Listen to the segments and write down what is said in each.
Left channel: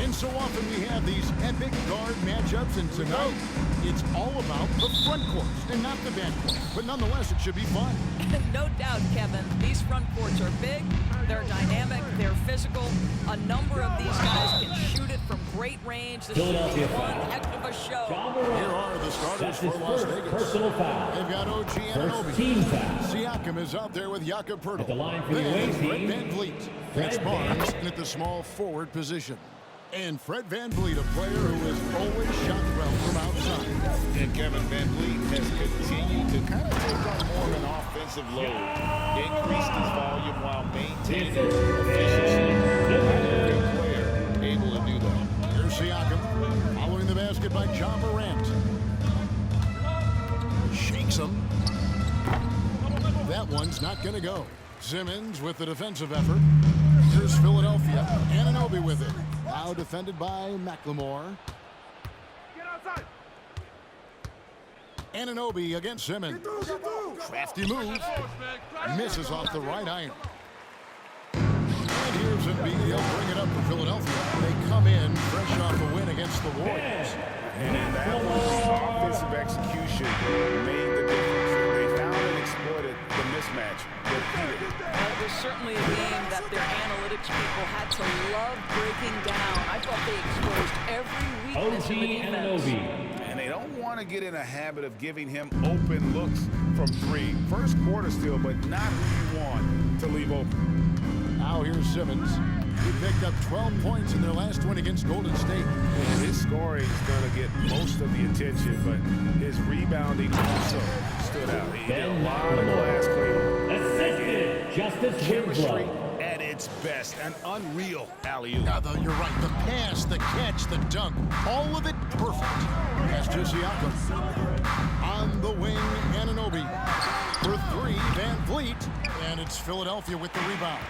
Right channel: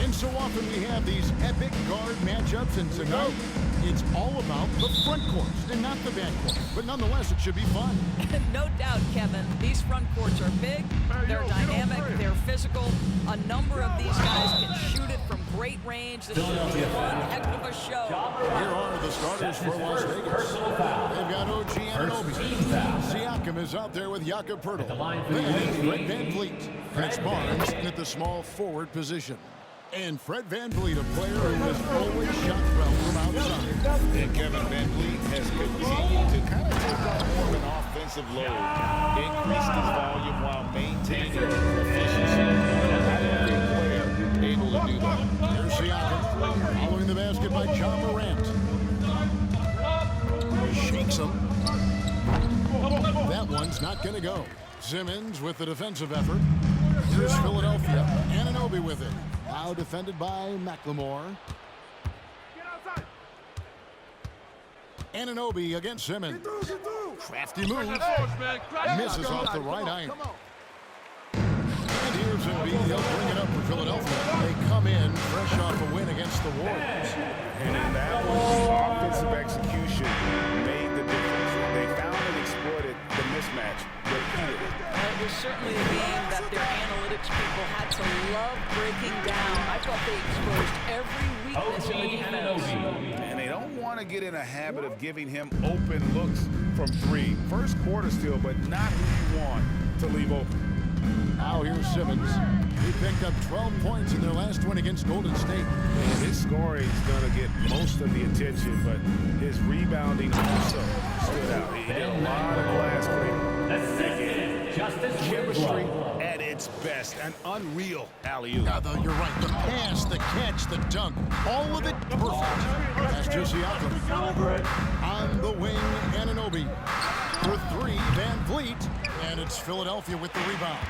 And so often we have these epic guard matchups, and tonight it's all about the front courts and not the back court. But nonetheless, it should be fun. No doubt, Kevin. These front courts are big, they're dynamic, they're physical. A number of these guys can shoot it from great range. This should be one heck of a show. Here are the starters for Las Vegas. They've got OG Anunoby. Siakam is out there with Jakob Poeltl. Then it's Fred VanVleet. And it's Barnes at the small forward position. And Fred VanVleet, a player who has always shot well from outside. And Kevin VanVleet has continued to kind of take on more of an offensive load. Increased his volume while maintaining efficiency. Not every player able to do that. Here's Siakam following the basket by Ja Morant. Shakes him. That one's not going to go. Simmons with the defensive effort. Here's Philadelphia. Anunoby with it. Now defended by McLemore. Anunoby against Simmons. Crafty move. Misses off the right iron. And here's Embiid. He'll bring it up for Philadelphia. They come in fresh off a win against the Warriors. And in that one, the offensive execution made the difference. They found and exploited the mismatch repeatedly. It was certainly a game that their analytics people had to love breaking down. I thought they exposed every weakness in the defense. And they don't want to get in a habit of giving him open looks from three. First quarter still, but not who you want to leave open. Now here's Simmons. He picked up 12 points in their last win against Golden State. And his scoring is going to get most of the attention, but his rebounding also stood out. He did a lot of glass cleaning in that game. Chemistry at its best. An unreal alley-oop. You're right. The pass, the catch, the dunk, all of it perfect. That's just Siakam. On the wing, Anunoby. For three, VanVleet. And it's Philadelphia with the rebound.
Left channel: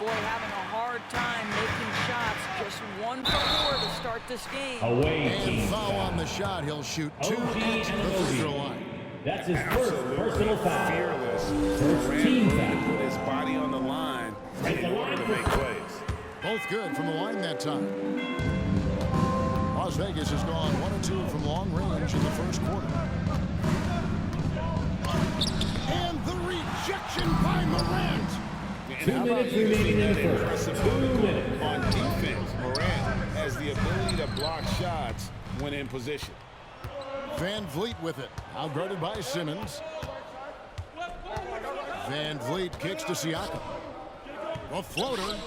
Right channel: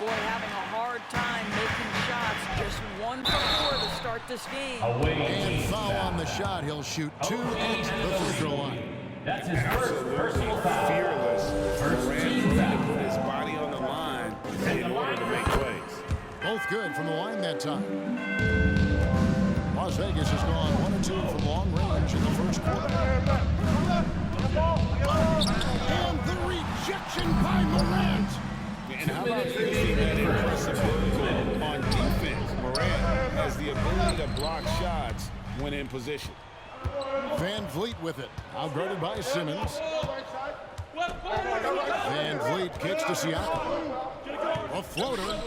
Boy, having a hard time making shots. Just 1 for 4 to start this game. And foul on the shot. He'll shoot 2 at the free throw line. That's his Absolutely personal foul. Fearless. Durant willing to put his body on the line in order to make plays. Both good from the line that time. Las Vegas has gone 1 and 2 from long range in the first quarter. And the rejection by Morant. And how about using that impressive move on defense? Morant has the ability to block shots when in position. VanVleet with it. Outguarded by Simmons. VanVleet kicks to Siakam. A floater.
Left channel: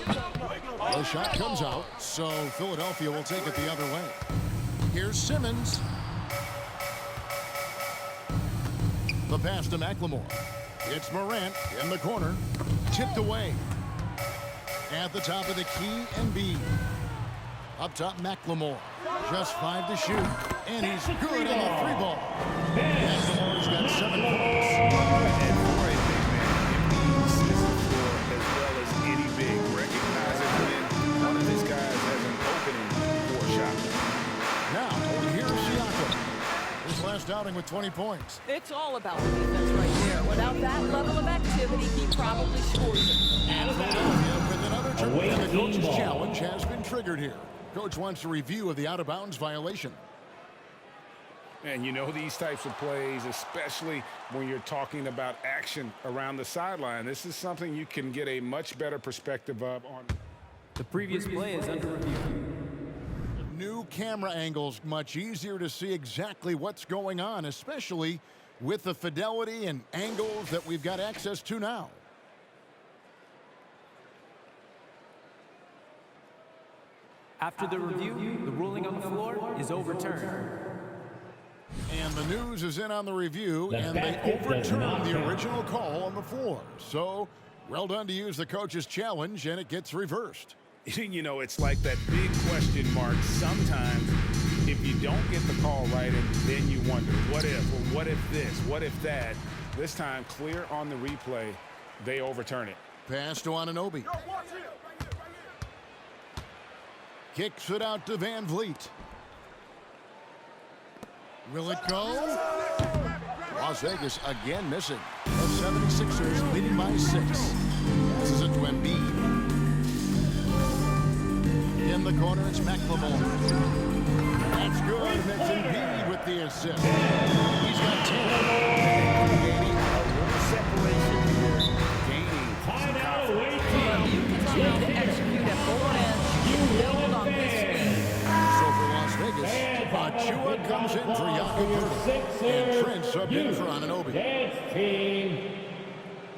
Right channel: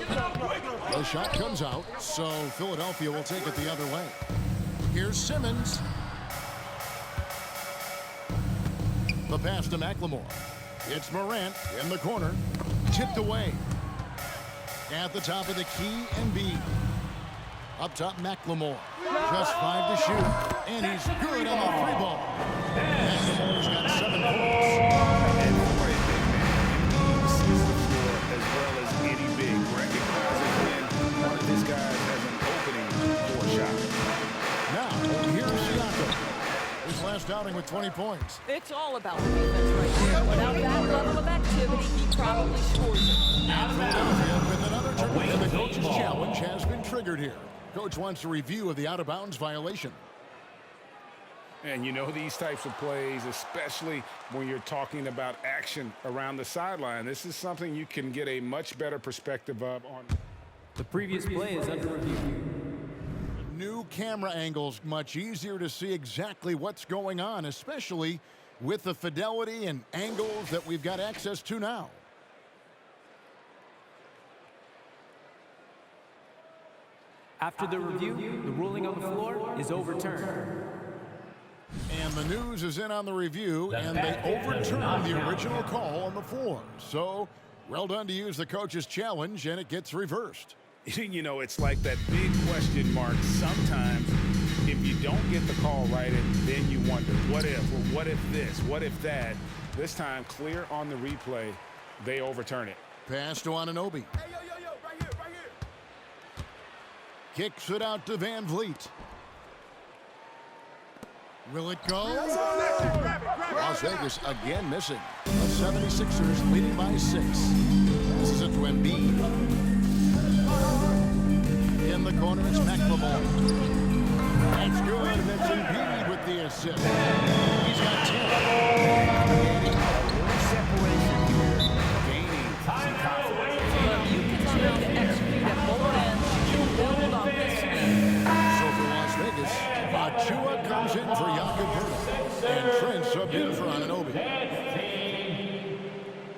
The shot comes out, so Philadelphia will take it the other way. Here's Simmons. The pass to McLemore. It's Morant in the corner. Tipped away. At the top of the key, Embiid. Up top, McLemore. Just 5 to shoot. And he's good on the 3 ball. McLemore's got 7 points. And for a big man, Embiid sees the floor as well as any big. Recognizes when one of his guys has an opening for a shot. Now, here's Siakam. His last outing with 20 points. It's all about the defense right there. Without that level of activity, he probably scores it. And Philadelphia with another turn. And the coach's challenge has been triggered here. Coach wants a review of the out-of-bounds violation. And you know these types of plays, especially when you're talking about action around the sideline, this is something you can get a much better perspective of on. The previous play is under review. New camera angles, much easier to see exactly what's going on, especially with the fidelity and angles that we've got access to now. After the review, the ruling on the floor is overturned. And the news is in on the review, and they overturned the original call on the floor. So, well done to use the coach's challenge, and it gets reversed. You know, it's like that big question mark sometimes if you don't get the call right, and then you wonder, what if? Well, what if this? What if that? This time, clear on the replay, they overturn it. Pass to Anunoby. Kicks it out to VanVleet. Will it go? Las Vegas again missing. The 76ers leading by 6. Passes it to Embiid. In the corner, it's McLemore. That's good, and it's Embiid with the assist. He's got 10. Creating a little separation here, gaining some confidence. Well, you continue to execute at both ends. You can build on this lead. So for Las Vegas, Achua comes in for Jakob Poeltl, and Trent subbed in for Anunoby. Dance team,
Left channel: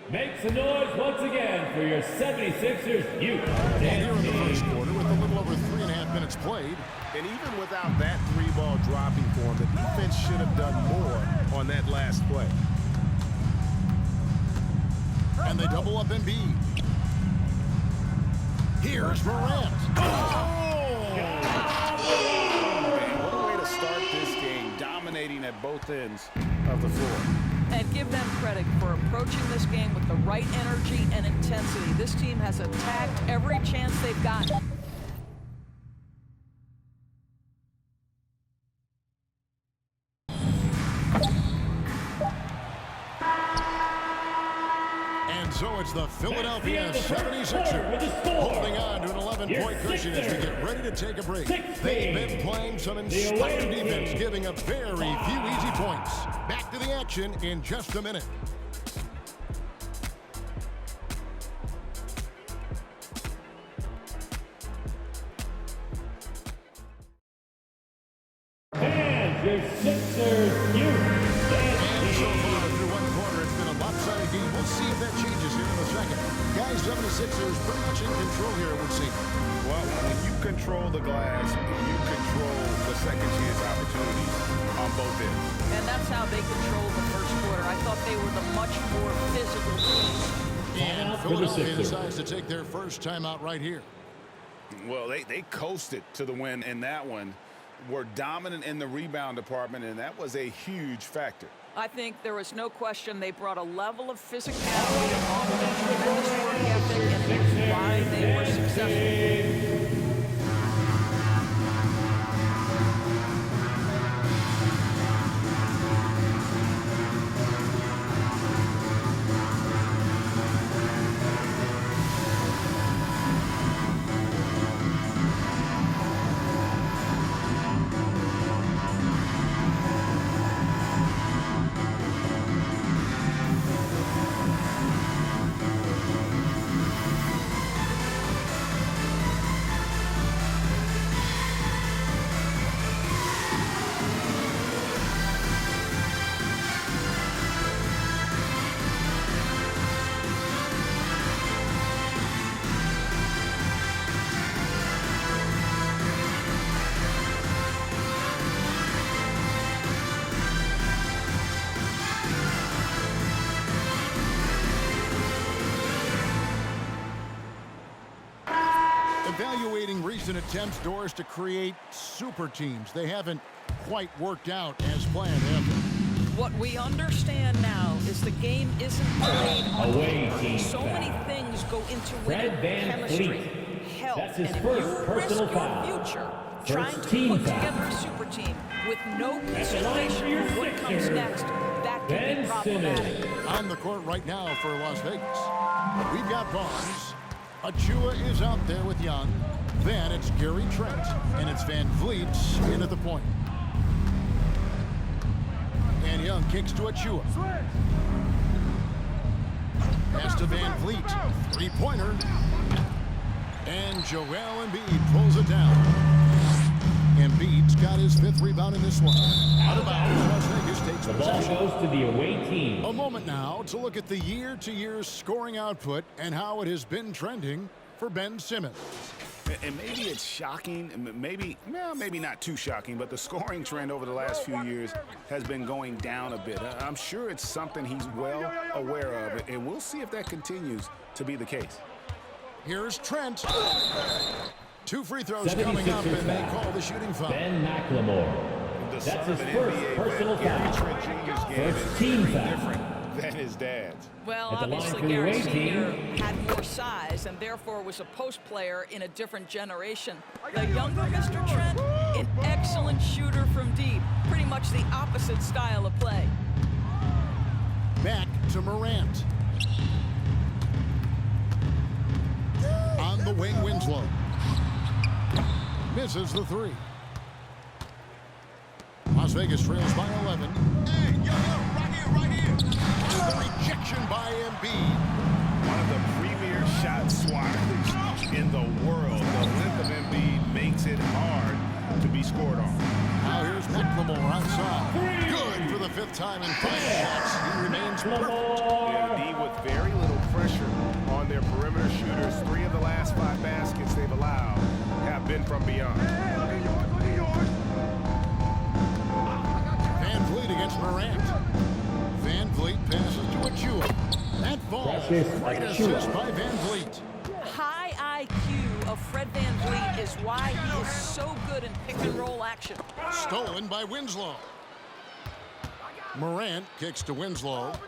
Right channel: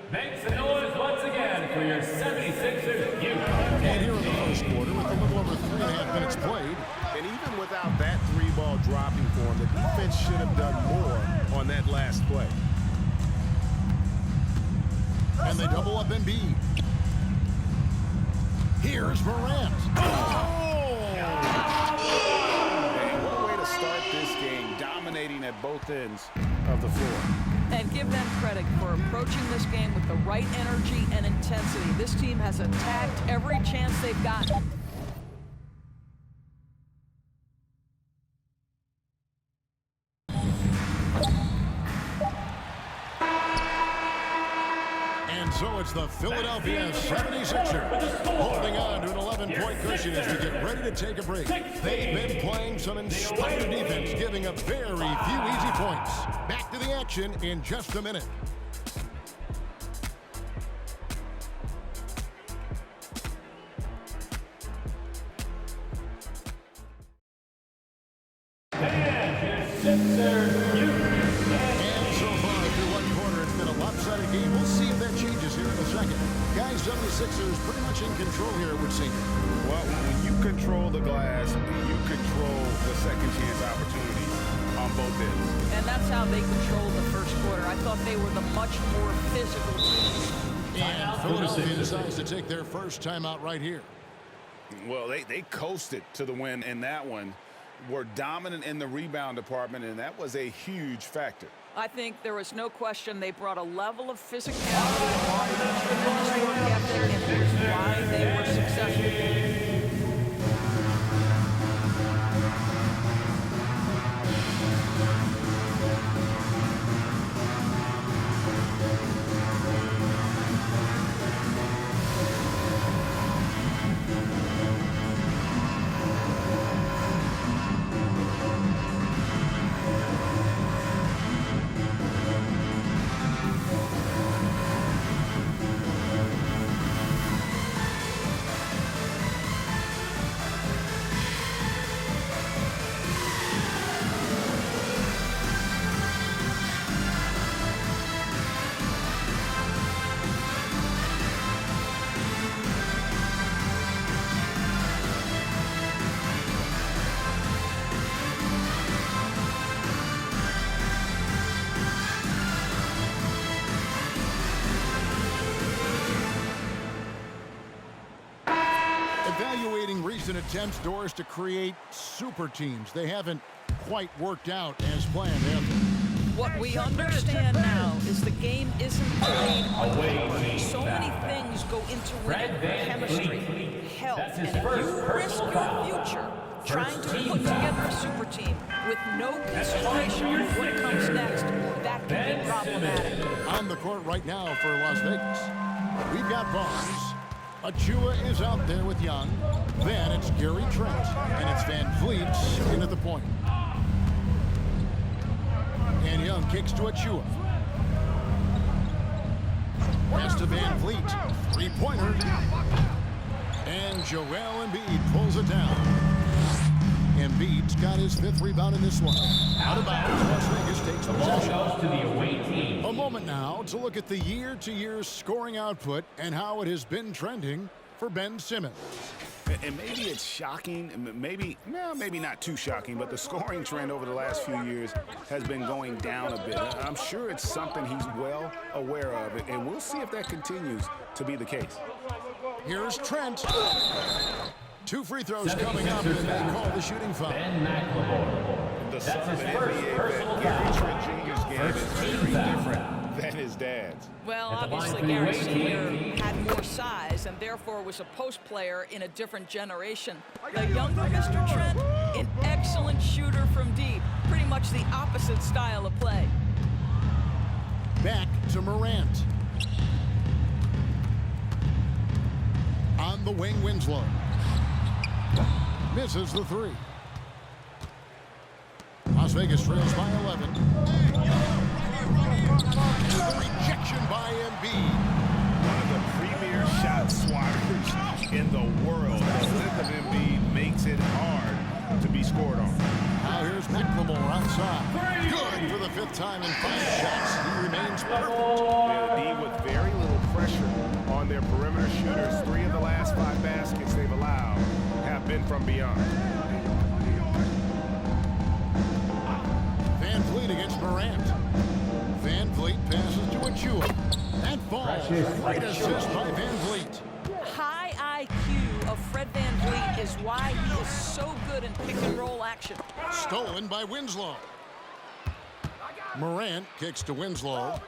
make some noise once again for your 76ers youth. And here in the first quarter, with a little over 3.5 minutes played, And even without that three-ball dropping for him, the defense should have done more on that last play. and they double up Embiid. Here's Morant. Oh! And what a way to start this game, dominating at both ends of the floor. And give them credit for approaching this game with the right energy and intensity. This team has attacked every chance they've gotten. And so it's the Philadelphia 76ers holding on to an 11-point cushion as we get ready to take a break. They've been playing some inspired defense, giving up very few easy points. Back to the action in just a minute. And your Sixers youth. And so far through one quarter, it's been a lopsided game. We'll see if that changes here in a second. Guys, 76ers pretty much in control here, it would seem. Well, when you control the glass, you control the second chance opportunities on both ends. And that's how they controlled the first quarter. I thought they were the much more physical team. And Philadelphia decides to take their first timeout right here. Well, they coasted to the win in that one. Were dominant in the rebound department, and that was a huge factor. I think there was no question they brought a level of physicality along with a tremendous work ethic, and it was why they were successful. Evaluating recent attempts, Doris, to create super teams. They haven't quite worked out as planned, have they? What we understand now is the game isn't played on paper. So many things go into winning. Chemistry, health, and if you risk your future trying to put together a super team with no consideration for what comes next, that can be problematic. On the court right now for Las Vegas, we've got Barnes. Achua is out there with Young. Then it's Gary Trent, and it's Van Vliet in at the point. And Young kicks to Achua. Pass to Van Vliet. Three-pointer. And Joel Embiid pulls it down. Embiid's got his 5th rebound in this one. Out of bounds, Las Vegas takes The ball possession. goes to the away team. A moment now to look at the year-to-year scoring output and how it has been trending for Ben Simmons. And maybe it's shocking, maybe not too shocking, but the scoring trend over the last few years has been going down a bit. I'm sure it's something he's well aware of, and we'll see if that continues to be the case. Here's Trent. 2 free throws coming up, and they call the shooting foul. Ben McLemore. The That's son of his an first NBA personal vet, Gary foul. Trent Jr.'s game First is team very foul. different than his dad's. Well, At the line obviously for the Gary away Sr. team. had more size and therefore was a post player in a different generation. The younger Mr. Trent, an excellent shooter from deep. Pretty much the opposite style of play. Back to Morant. On the wing, Winslow. Misses the three. Las Vegas trails by 11. And the rejection by Embiid. One of the premier shot swatters in the world. The length of Embiid makes it hard to be scored on. Now here's McLemore outside. Good for the 5th time in 5 shots. He remains perfect. Yeah, the D with very little pressure on their perimeter shooters. 3 of the last 5 baskets they've allowed have been from beyond. Van Vliet against Morant. Van Vliet passes to Achua. That falls. Great assist by Van Vliet. High IQ of Fred Van Vliet is why he is so good in pick-and-roll action. Stolen by Winslow. Morant kicks to Winslow.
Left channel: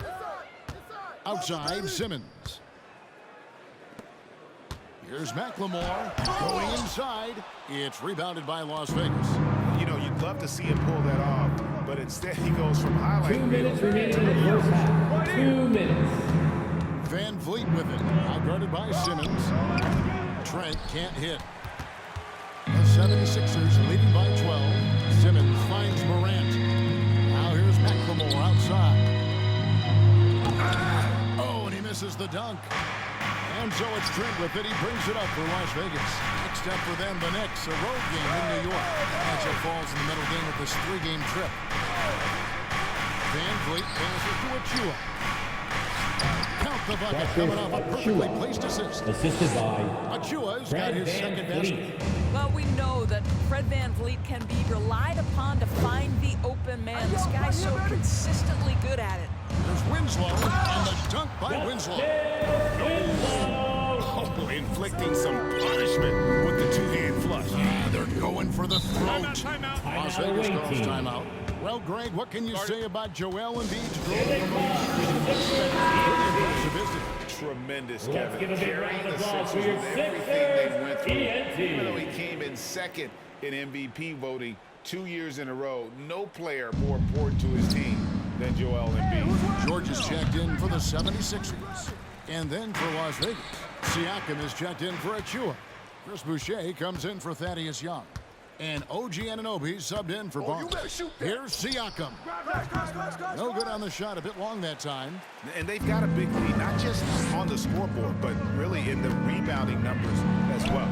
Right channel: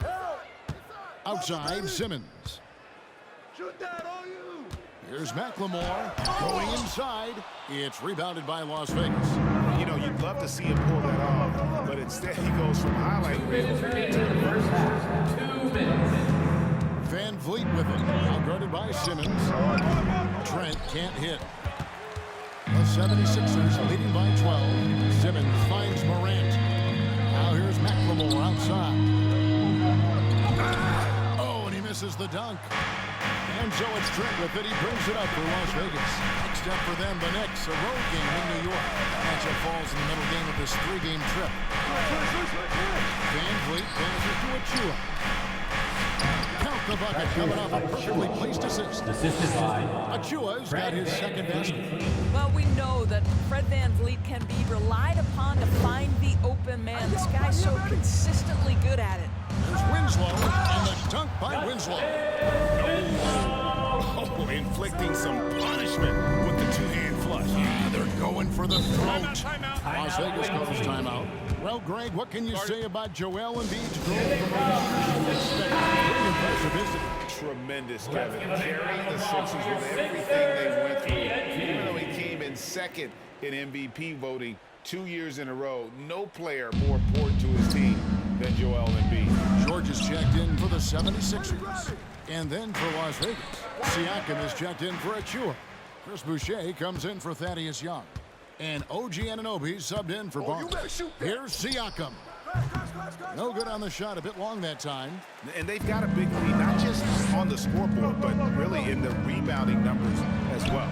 Outside, Simmons. Here's McLemore going inside. It's rebounded by Las Vegas. You know, you'd love to see him pull that off, but instead he goes from highlight reel to the first half. 2 minutes. Van Vliet with it. Now guarded by Simmons. Trent can't hit. The 76ers leading by 12. Simmons finds Morant. Now here's McLemore outside. Oh, and he misses the dunk. And so it's Trent with it. He brings it up for Las Vegas. Next up for them, the Knicks, a road game in New York. Matchup falls in the middle game of this 3-game trip. Van Vliet passes to Achua. Count the bucket coming off a perfectly placed assist. Assisted by Achua's got his second basket. Well, we know that Fred Van Vliet can be relied upon to find the open man. This guy's so consistently good at it. There's Winslow, and the dunk by Winslow. Oh, inflicting some punishment with the 2-hand flush. Yeah, they're going for the throat. Timeout. Las Vegas calls timeout. Well, Greg, what can you say about Joel Embiid's growth from pretty impressive, isn't it? Tremendous, Kevin. Carrying the Sixers with everything they went through. Even though he came in second in MVP voting 2 years in a row, no player more important to his team than Joel Embiid. George is checked in for the 76ers. And then for Las Vegas, Siakam is checked in for Achua. Chris Boucher comes in for Thaddeus Young. And OG Anunoby subbed in for Barnes. Here's Siakam. No good on the shot, a bit long that time. And they've got a big lead, not just on the scoreboard, but really in the rebounding numbers as well.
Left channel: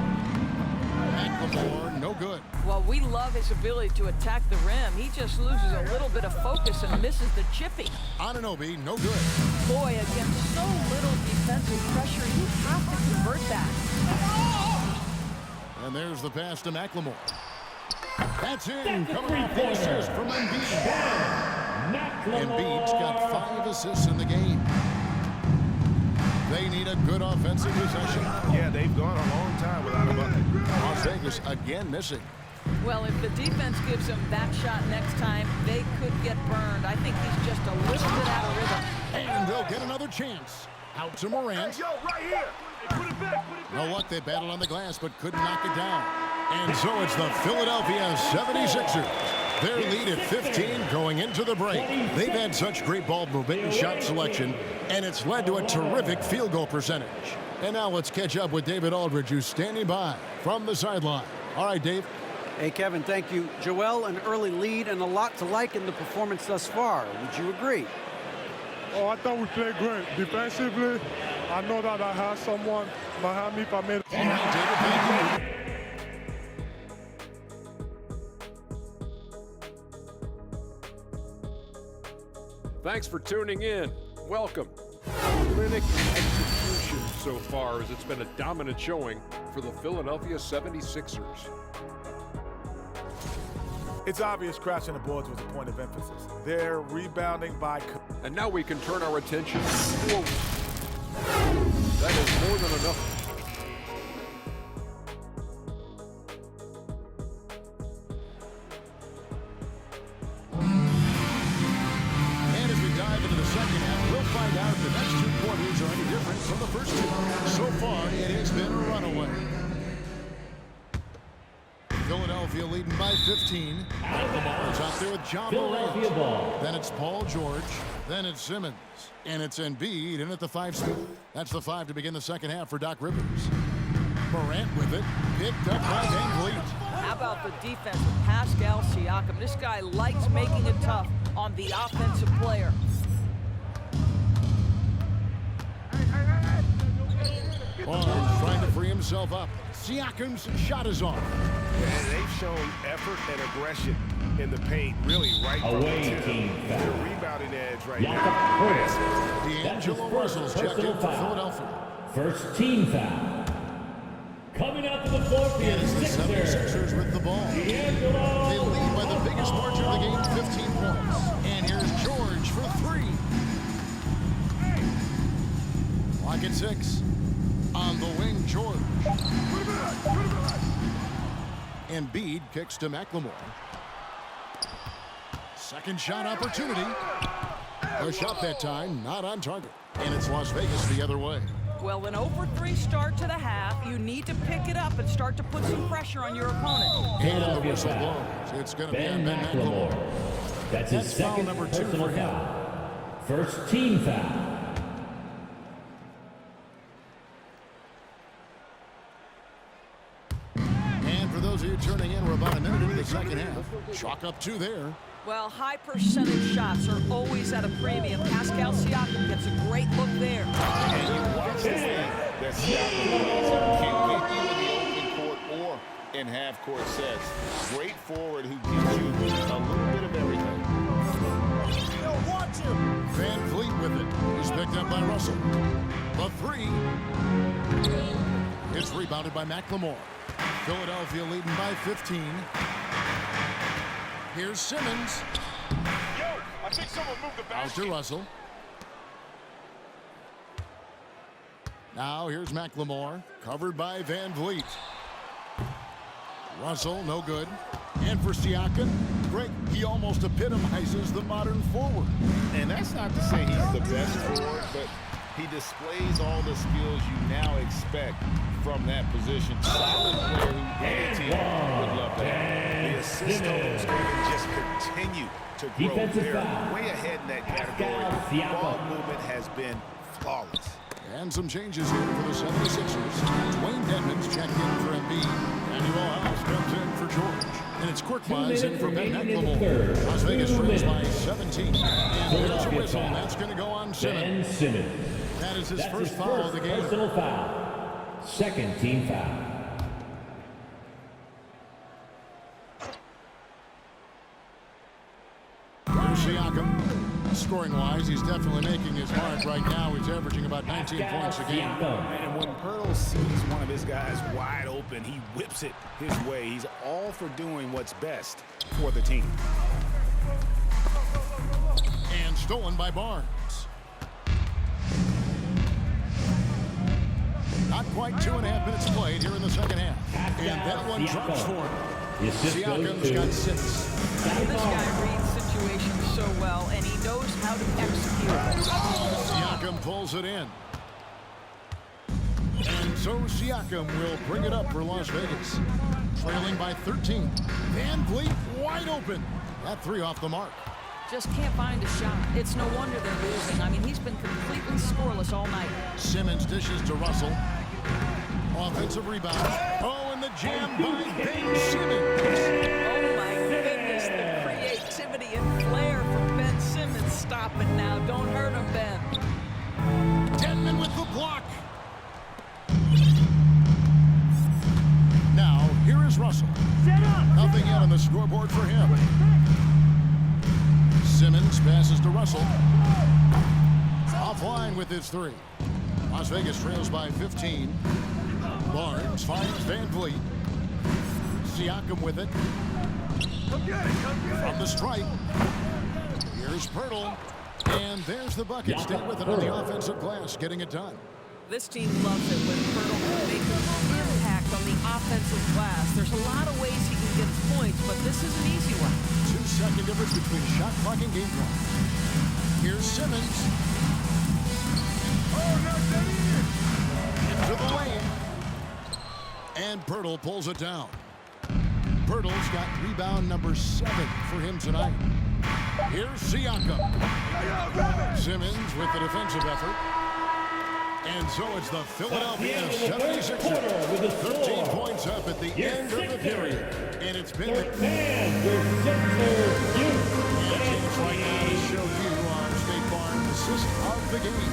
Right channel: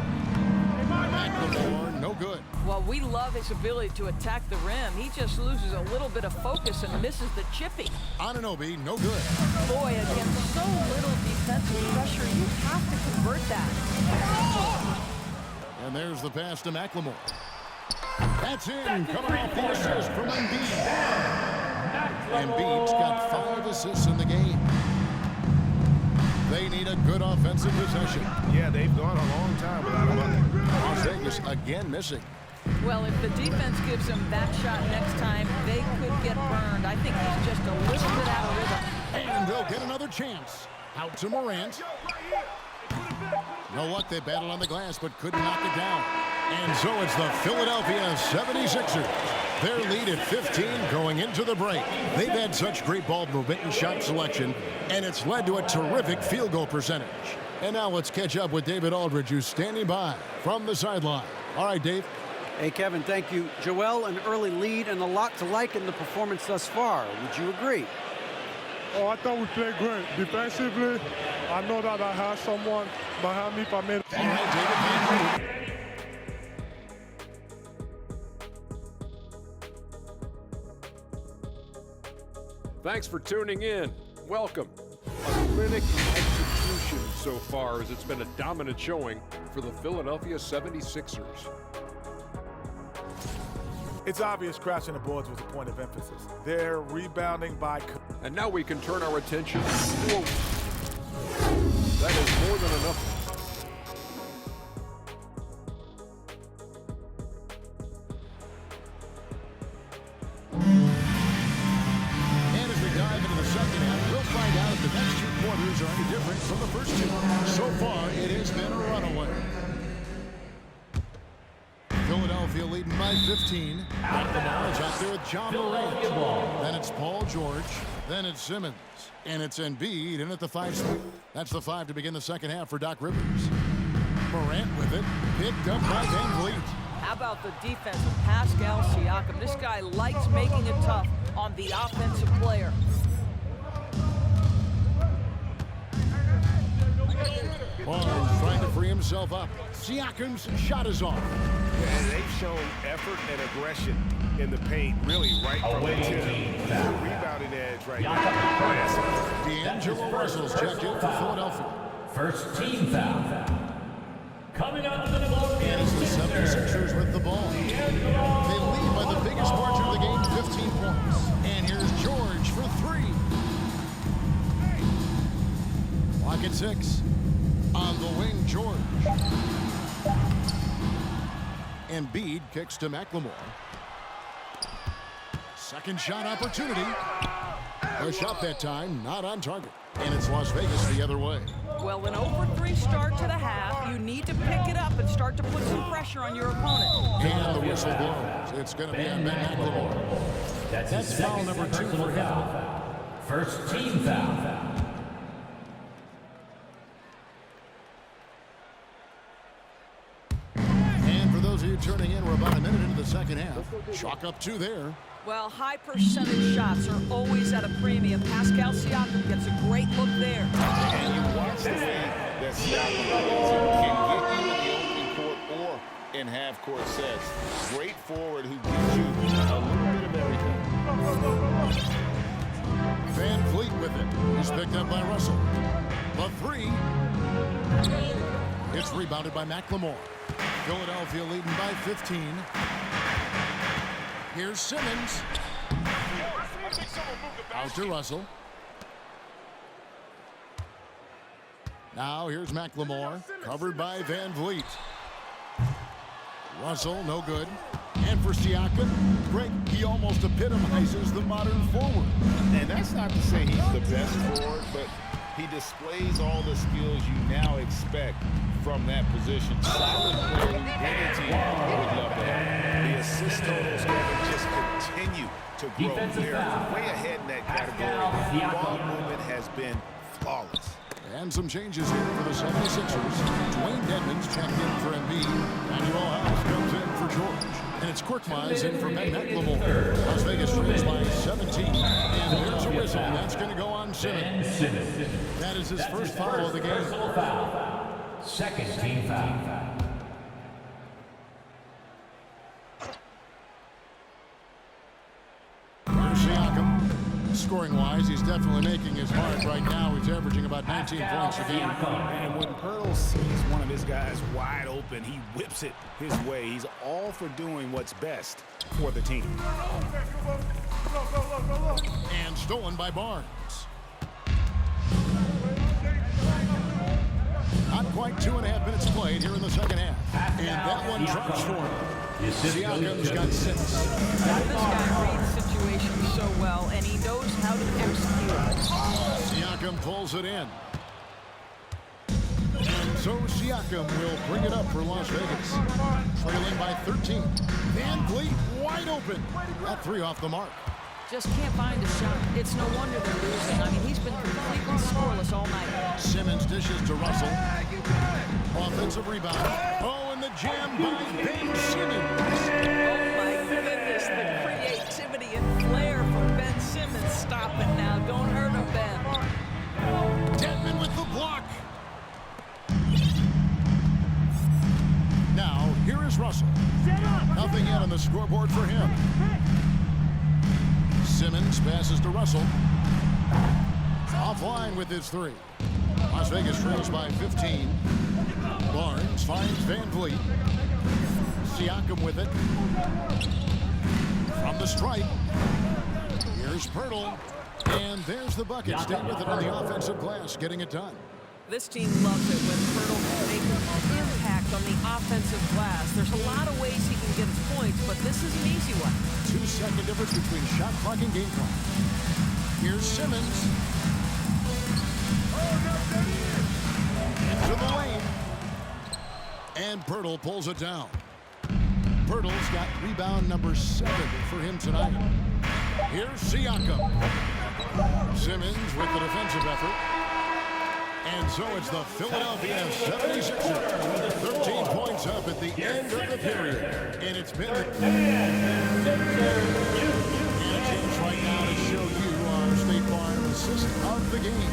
McLemore, no good. Well, we love his ability to attack the rim. He just loses a little bit of focus and misses the chippy. Anunoby, no good. Boy, against so little defensive pressure, you have to convert that. And there's the pass to McLemore. That's in, coming off the assist from Embiid. Embiid's got 5 assists in the game. They need a good offensive possession. Yeah, they've gone a long time without a bucket. Las Vegas again missing. Well, if the defense gives him that shot next time, they could get burned. I think he's just a little bit out of rhythm. And they'll get another chance. Out to Morant. No luck, they battled on the glass, but couldn't knock it down. And so it's the Philadelphia 76ers. Their lead at 15 going into the break. They've had such great ball movement and shot selection, and it's led to a terrific field goal percentage. And now let's catch up with David Aldridge, who's standing by from the sideline. All right, Dave. Hey, Kevin, thank you. Joel, an early lead and a lot to like in the performance thus far. Would you agree? Oh, I thought we played great. Defensively, I know that I had someone behind me if I made. All right, David, thank you. Thanks for tuning in. Welcome. A clinic in execution so far, as it's been a dominant showing for the Philadelphia 76ers. It's obvious crashing the boards was a point of emphasis. They're rebounding by. And now we can turn our attention forward. That is more than enough. And as we dive into the second half, we'll find out if the next 2 quarters are any different from the first 2. So far, it has been a runaway. Philadelphia leading by 15. McLemore is out there with John Morant. Then it's Paul George. Then it's Simmons. And it's Embiid in at the 5 spot. That's the 5 to begin the second half for Doc Rivers. Morant with it. Picked up by Van Vliet. How about the defense of Pascal Siakam? This guy likes making it tough on the offensive player. Barnes trying to free himself up. Siakam's shot is off. And they've shown effort and aggression in the paint, really right from the tip. Their rebounding edge right now. D'Angelo Russell's checked in for Philadelphia. First team foul. Coming up to the floor, And it's the 76ers with the ball. They lead by the biggest margin of the game, 15 points. And here's George for three. Clock at 6. On the wing, George. Embiid kicks to McLemore. Second shot opportunity. A shot that time, not on target. And it's Las Vegas the other way. Well, an 0-for-3 start to the half. You need to pick it up and start to put some pressure on your opponent. And the whistle blows. It's going to be on Ben McLemore. That's foul number 2 for him. First team foul. And for those of you turning in, we're about a minute into the second half. Chalk up 2 there. Well, high percentage shots are always at a premium. Pascal Siakam gets a great look there. And you watch the way that Siakam plays. It can get you in the open court or in half-court sets. Great forward who gives you a little bit of everything. Van Vliet with it. He's picked up by Russell. The 3. It's rebounded by McLemore. Philadelphia leading by 15. Here's Simmons. Out to Russell. Now here's McLemore, covered by Van Vliet. Russell, no good. And for Siakam, Greg, he almost epitomizes the modern forward. And that's not to say he's the best forward, but he displays all the skills you now expect from that position. Solid player who any team would love to have. The assist totals, Kevin, just continue to grow. They're way ahead in that category. Ball movement has been flawless. And some changes here for the 76ers. Dwayne Dedmon's checked in for Embiid. Daniel House comes in for George. And it's Korkmaz in for Ben McLemore. Las Vegas trails by 17. And there's a whistle, and that's going to go on Simmons. That is his first foul of the game. Personal foul. Second team foul. Here's Siakam. Scoring-wise, he's definitely making his mark right now. He's averaging about 19 points a game. And when Pirtle sees one of his guys wide open, he whips it his way. He's all for doing what's best for the team. And stolen by Barnes. Not quite 2.5 minutes played here in the second half. And that one drops for him. Siakam's got 6. This guy reads situations so well, and he knows how to execute. Siakam pulls it in. And so Siakam will bring it up for Las Vegas. Trailing by 13. Van Vliet wide open. That 3 off the mark. Just can't find a shot. It's no wonder they're losing. I mean, he's been completely scoreless all night. Simmons dishes to Russell. Offensive rebound. Oh, and the jam by Ben Simmons. Oh, my goodness. The creativity and flair from Ben Simmons. Stop it now. Don't hurt him, Ben. Dedmon with the block. Now, here is Russell. Nothing yet on the scoreboard for him. Simmons passes to Russell. Offline with his 3. Las Vegas trails by 15. Barnes finds Van Vliet. Siakam with it. From the stripe. Here's Pirtle. And there's the bucket. Stay with it on the offensive glass, getting it done. This team loves it when Pirtle can make an impact on the offensive glass. There's a lot of ways he can get his points, but this is an easy one. 2-second difference between shot clock and game clock. Here's Simmons. Into the lane. And Pirtle pulls it down. Pirtle's got rebound number 7 for him tonight. Here's Siakam. Simmons with the defensive effort. And so it's the Philadelphia 76ers. 13 points up at the end of the period. And it's been the... And a chance right now to show you our State Farm assist of the game.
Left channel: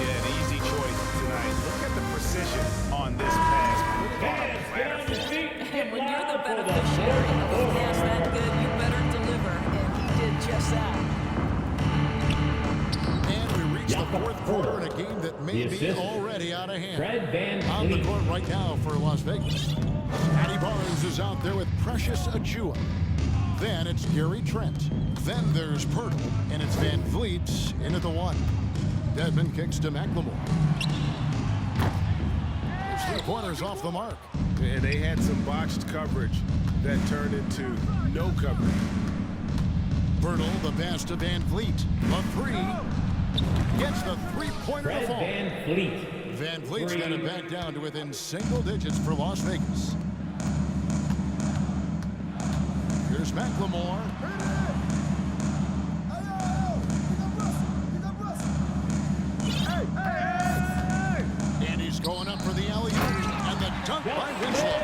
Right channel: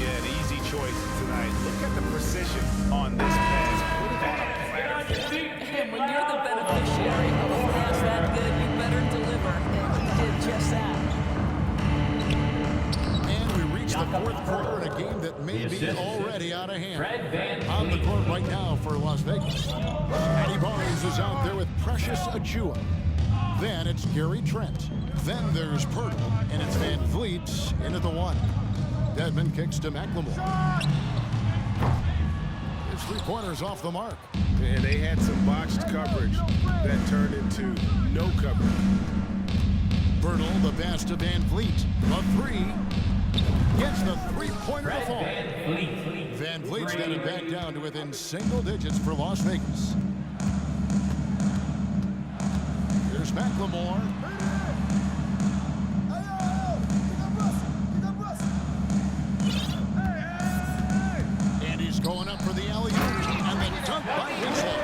Yeah, an easy choice tonight. Look at the precision on this pass. Put it on a platter for him. And when you're the beneficiary of a pass that good, you better deliver. And he did just that. And we reach the fourth quarter in a game that may be already out of hand. On the court right now for Las Vegas. Scotty Barnes is out there with Precious Achiuwa. Then it's Gary Trent. Then there's Pirtle, and it's Van Vliet in at the one. Dedmon kicks to McLemore. His three-pointers off the mark. And they had some botched coverage that turned into no coverage. Pirtle, the pass to Van Vliet. The three. Gets the three-pointer to fall. Van Vliet's got it back down to within single digits for Las Vegas. Here's McLemore. And he's going up for the alley-oop. And the dunk by Winslow.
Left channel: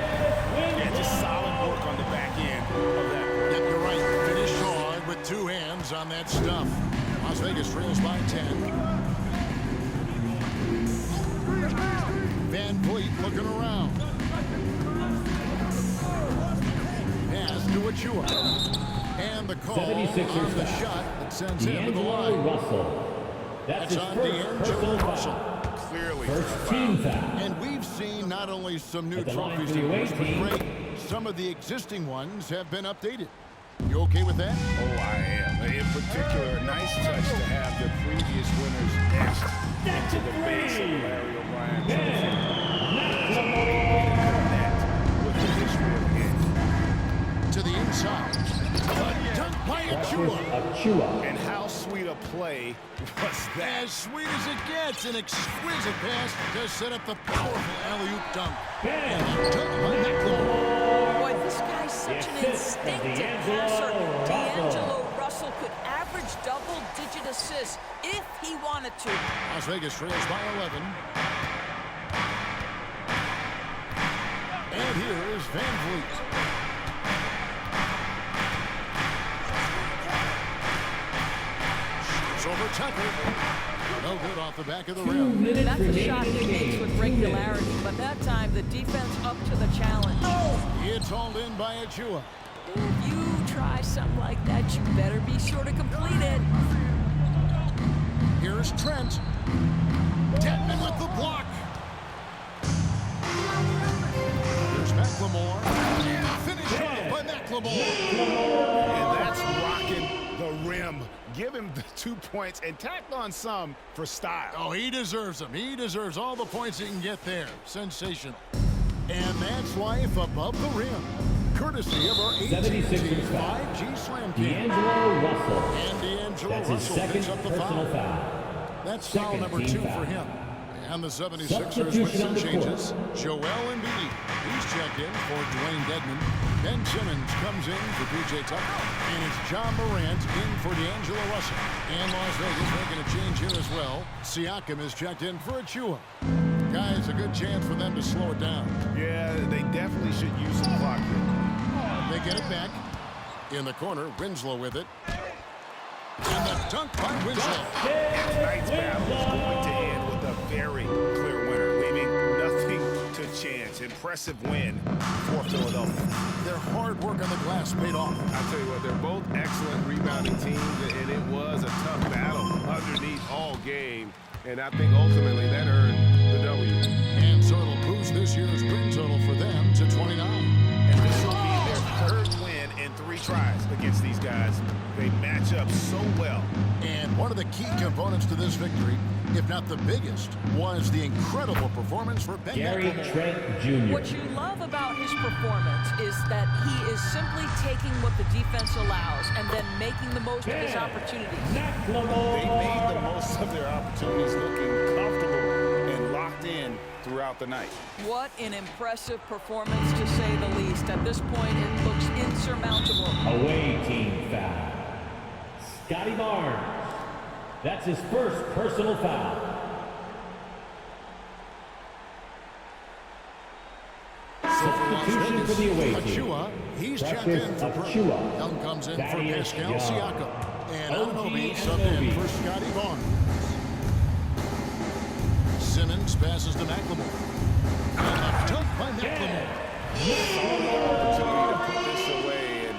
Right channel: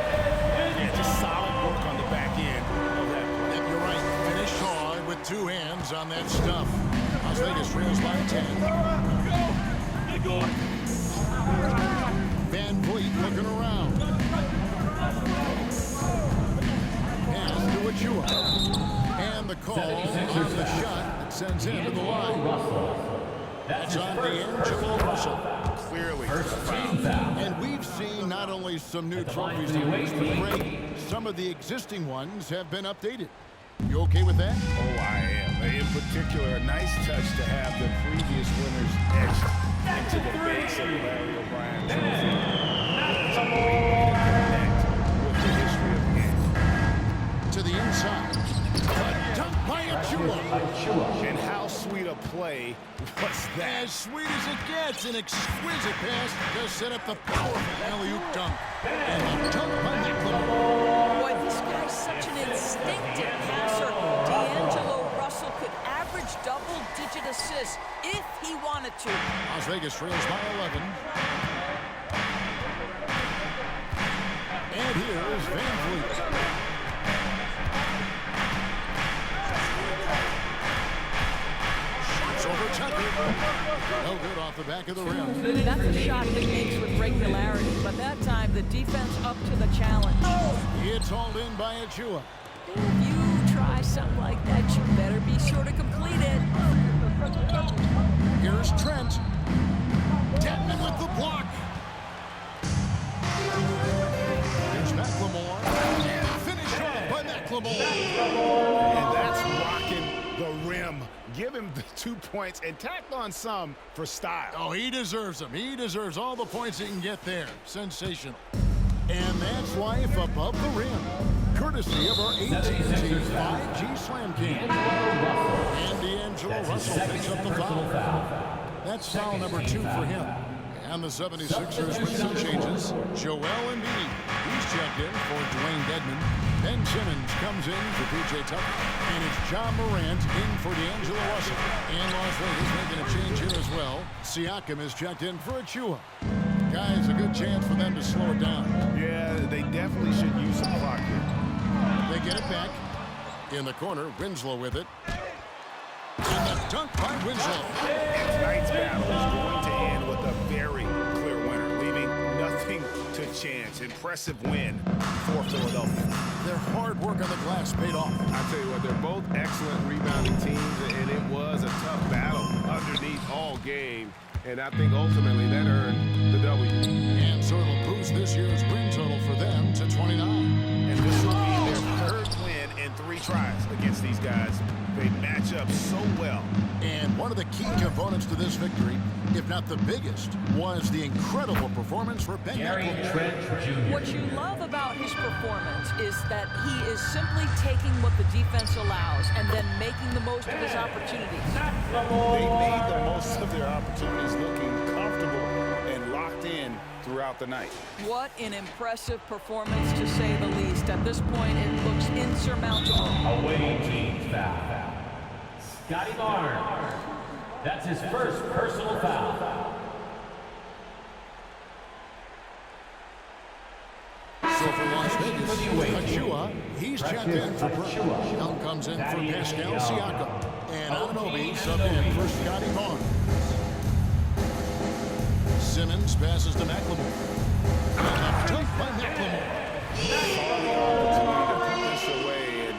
Yeah, just solid work on the back end of that play. Yep, you're right. Finished hard with two hands on that stuff. Las Vegas trails by 10. Van Vliet looking around. Pass to Achiuwa. And the call on the shot that sends him to the line. That's on D'Angelo Russell. Clearly a foul. And we've seen not only some new trophies to use, but Greg, some of the existing ones have been updated. You okay with that? Oh, I am. In particular, a nice touch to have the previous winners etched into the base of the Larry O'Brien trophy. It's a great way to connect with the history of the game. To the inside. A dunk by Achiuwa. And how sweet a play was that? As sweet as it gets, an exquisite pass to set up the powerful alley-oop dunk. And the dunk by McLemore. Boy, this guy's such an instinctive passer. D'Angelo Russell could average double-digit assists if he wanted to. Las Vegas trails by 11. And here is Van Vliet. Over Tucker. No good off the back of the rim. That's a shot he makes with regularity, but that time the defense up to the challenge. It's hauled in by Achiuwa. If you try something like that, you better be sure to complete it. Here's Trent. Dedmon with the block. Here's McLemore. Finished off by McLemore. And that's rocking the rim. Give him the 2 points and tack on some for style. Oh, he deserves them. He deserves all the points he can get there. Sensational. And that's life above the rim. Courtesy of our AT&T 5G Slam Cam. And D'Angelo Russell picks up the foul. That's foul number 2 for him. And the 76ers with some changes. Joel Embiid, he's checked in for Dwayne Dedmon. Ben Simmons comes in for P.J. Tucker. And it's John Morant in for D'Angelo Russell. And Las Vegas making a change here as well. Siakam is checked in for Achiuwa. Guys, a good chance for them to slow it down. Yeah, they definitely should use some clock here. They get it back. In the corner, Winslow with it. And the dunk by Winslow. And tonight's battle is going to end with a very clear winner, leaving nothing to chance. Impressive win for Philadelphia. Their hard work on the glass paid off. I tell you what, they're both excellent rebounding teams, and it was a tough battle underneath all game. And I think ultimately that earned the W. And so it'll boost this year's win total for them to 29. And this will be their third win in 3 tries against these guys. They match up so well. And one of the key components to this victory, if not the biggest, was the incredible performance for Ben McLemore. What you love about his performance is that he is simply taking what the defense allows and then making the most of his opportunities. They made the most of their opportunities, looking comfortable and locked in throughout the night. What an impressive performance, to say the least. At this point, it looks insurmountable. Away team foul. Scotty Barnes. That's his first personal foul. So for Las Vegas, for the away team. Achua, he's checked in for Perk. Young comes in for Pascal Siakam. And Anunoby subbed in for Scotty Barnes. Simmons passes to McLemore. And a dunk by McLemore. Saw the opportunity to put this away and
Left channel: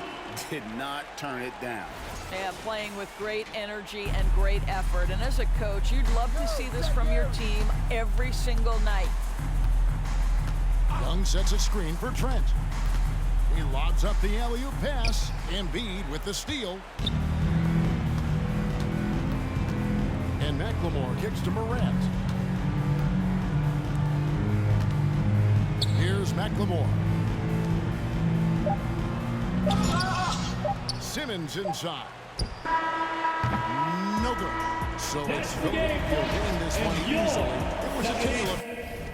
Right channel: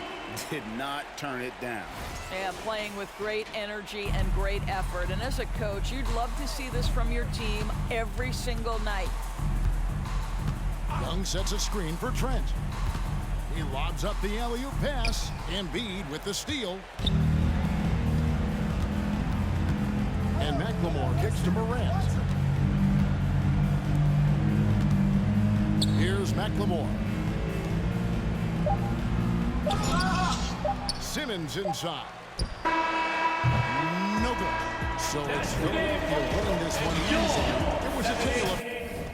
did not turn it down. Yeah, playing with great energy and great effort. And as a coach, you'd love to see this from your team every single night. Young sets a screen for Trent. He lobs up the alley-oop pass. Embiid with the steal. And McLemore kicks to Morant. Here's McLemore. Simmons inside. No good. So it's Philadelphia winning this one easily. It was a tale of